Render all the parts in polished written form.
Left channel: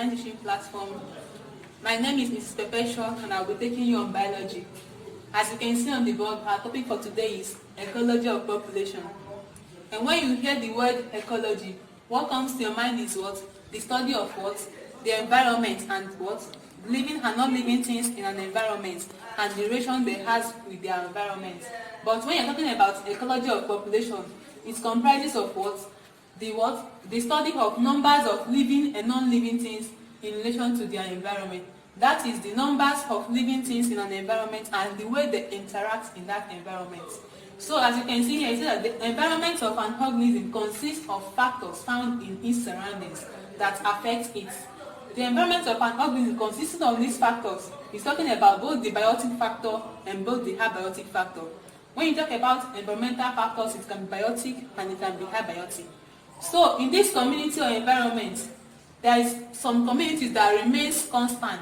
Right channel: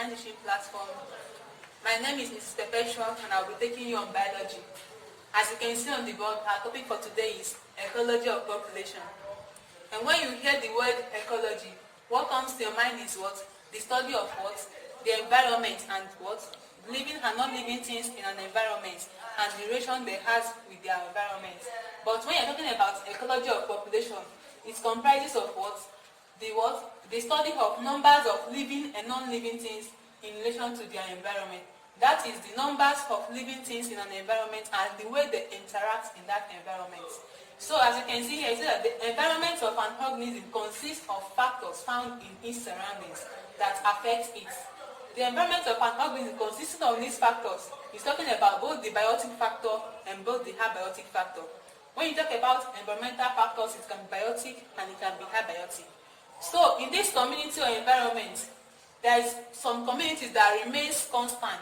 online teaching platform. My name is Mrs. Perpetua and I'll be taking you on biology. As you can see on the board, our topic for today is ecology of population. And when you hear the word ecology, what comes to your mind is what? The study of what? The environment and what? Living and non-living things in an environment and the relation they have with their environment. But when you're talking about ecology of population, it comprises of what? The study of numbers of living and non-living things in relation to their environment. That is the numbers of living things in an environment and the way they interact in that environment. So as you can see here, it says that the environment of an organism consists of factors found in its surroundings that affect it. The environment of an organism consisting of these factors is talking about both the biotic factor and both the abiotic factor. When you talk about environmental factors, it can be biotic and it can be abiotic. So in this community or environment, there is some communities that remains constant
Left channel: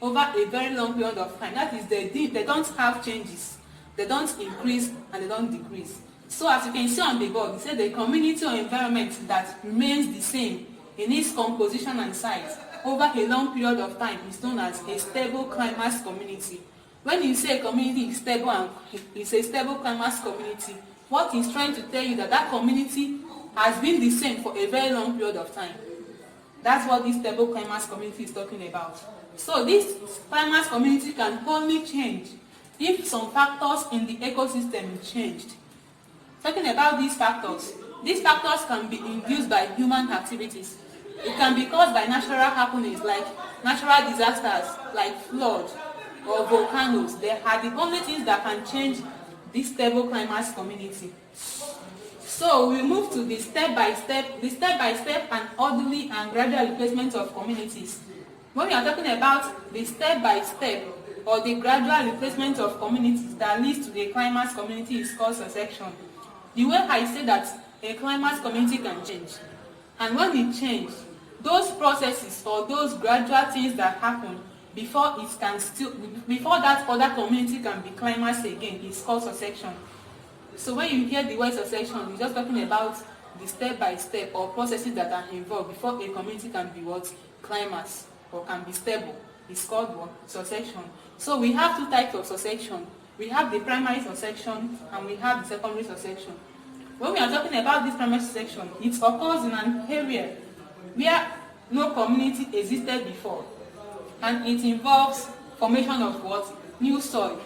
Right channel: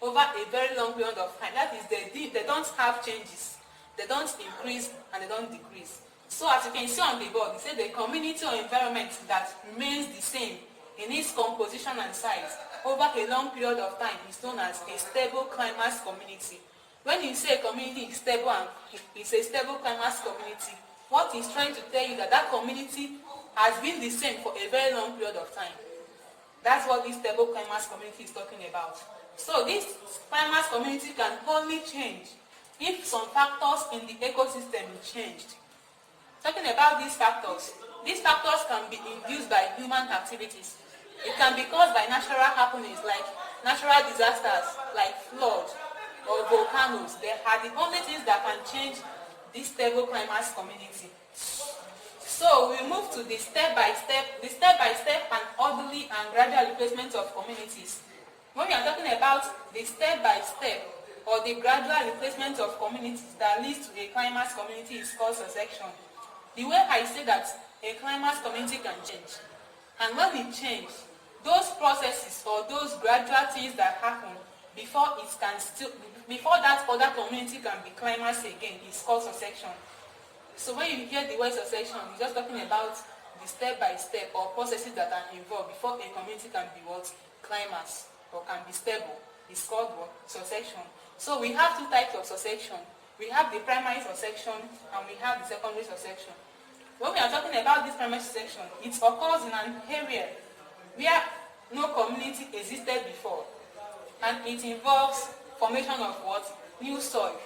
over a very long period of time. That is, they don't have changes. They don't increase and they don't decrease. So as you can see on the board, it says the community or environment that remains the same in its composition and size over a long period of time is known as a stable climax community. When you say a community is stable and it's a stable climax community, what is trying to tell you that that community has been the same for a very long period of time. That's what this stable climax community is talking about. So this climax community can only change if some factors in the ecosystem changed. Talking about these factors can be induced by human activities. It can be caused by natural happenings like natural disasters like flood or volcanoes. They are the only things that can change this stable climax community. So we move to the step-by-step and orderly and gradual replacement of communities. When we are talking about the step-by-step or the gradual replacement of communities that leads to the climax community is called succession. The way I say that a climax community can change. And when we change, those processes or those gradual things that happen before that other community can be climaxed again is called succession. So when you hear the word succession, we're just talking about the step-by-step or processes that are involved before a community can be what? Climax or can be stable. It's called what? Succession. So we have two types of succession. We have the primary succession and we have the secondary succession. When we are talking about this primary succession, it occurs in an area where no community existed before, and it involves formation of what? New soil.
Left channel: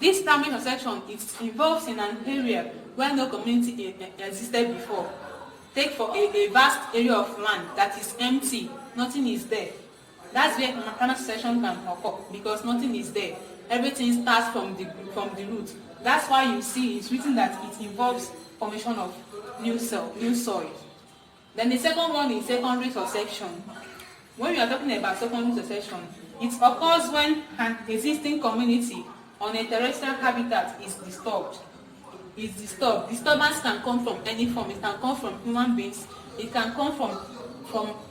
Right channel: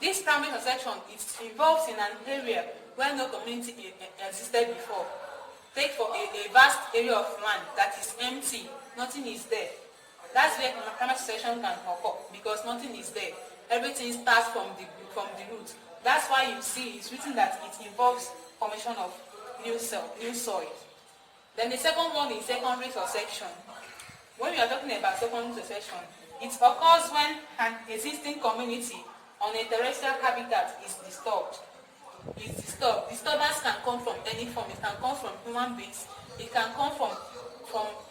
This primary succession involves in an area where no community existed before. Take for a vast area of land that is empty, nothing is there. That's where primary succession can occur because nothing is there. Everything starts from the root. That's why you see it's written that it involves formation of new soil. Then the second one is secondary succession. When we are talking about secondary succession, it occurs when an existing community on a terrestrial habitat is disturbed. Disturbance can come from any form. It can come from human beings. It can come from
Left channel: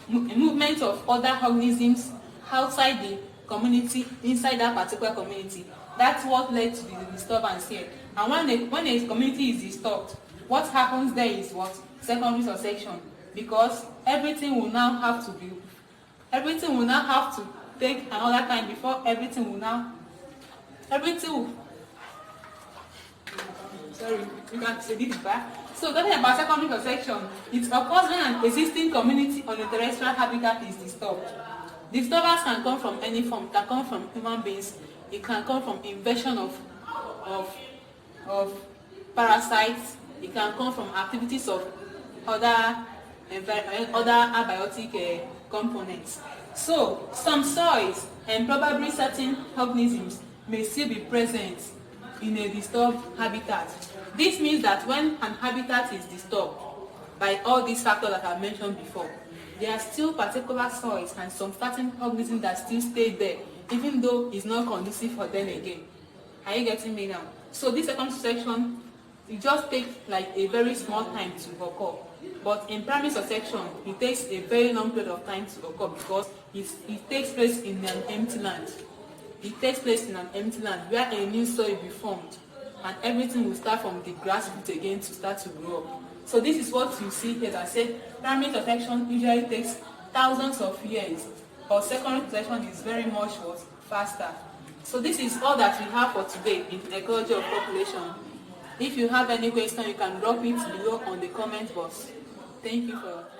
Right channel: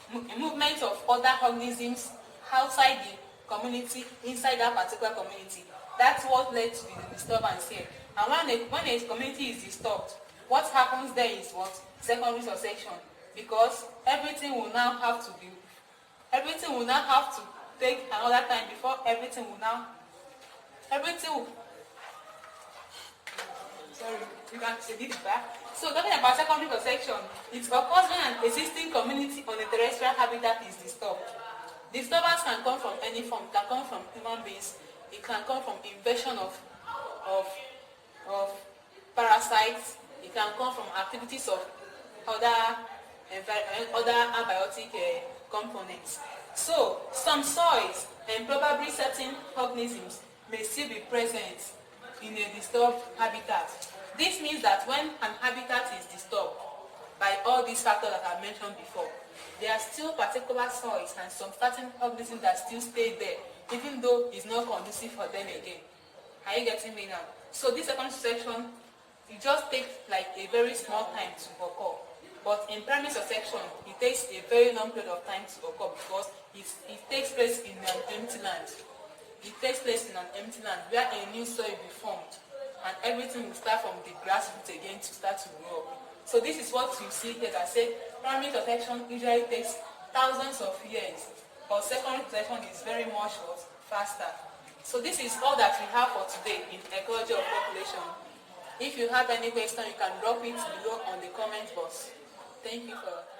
movement of other organisms outside the community, inside that particular community. That's what led to the disturbance here. And when a community is disturbed, what happens there is what? Secondary succession. Because everything will now have to take another time before everything will sorry, you can say this back. So talking about secondary succession, it occurs when an existing community on a terrestrial habitat is disturbed. Disturbance can come from any form. It can come from human beings. It can come from invasion of parasites. It can come from activities of other abiotic components. So some soils and probably certain organisms may still be present in a disturbed habitat. This means that when an habitat is disturbed by all these factors that I mentioned before, there are still particular soils and some certain organisms that still stay there, even though it's not conducive for them again. Are you getting me now? So this second section, it just takes like a very small time to occur. But in primary succession, it takes a very long period of time to occur because it takes place in an empty land. It takes place in an empty land where a new soil will be formed and everything will start from the grassroots again to start to grow up. So this is what you see here that say primary succession usually takes thousands of years or secondary reproduction is very much faster. So this is all that we have for today in ecology of population. If you have any question, you can drop it below on the comment box. Thank you for your time.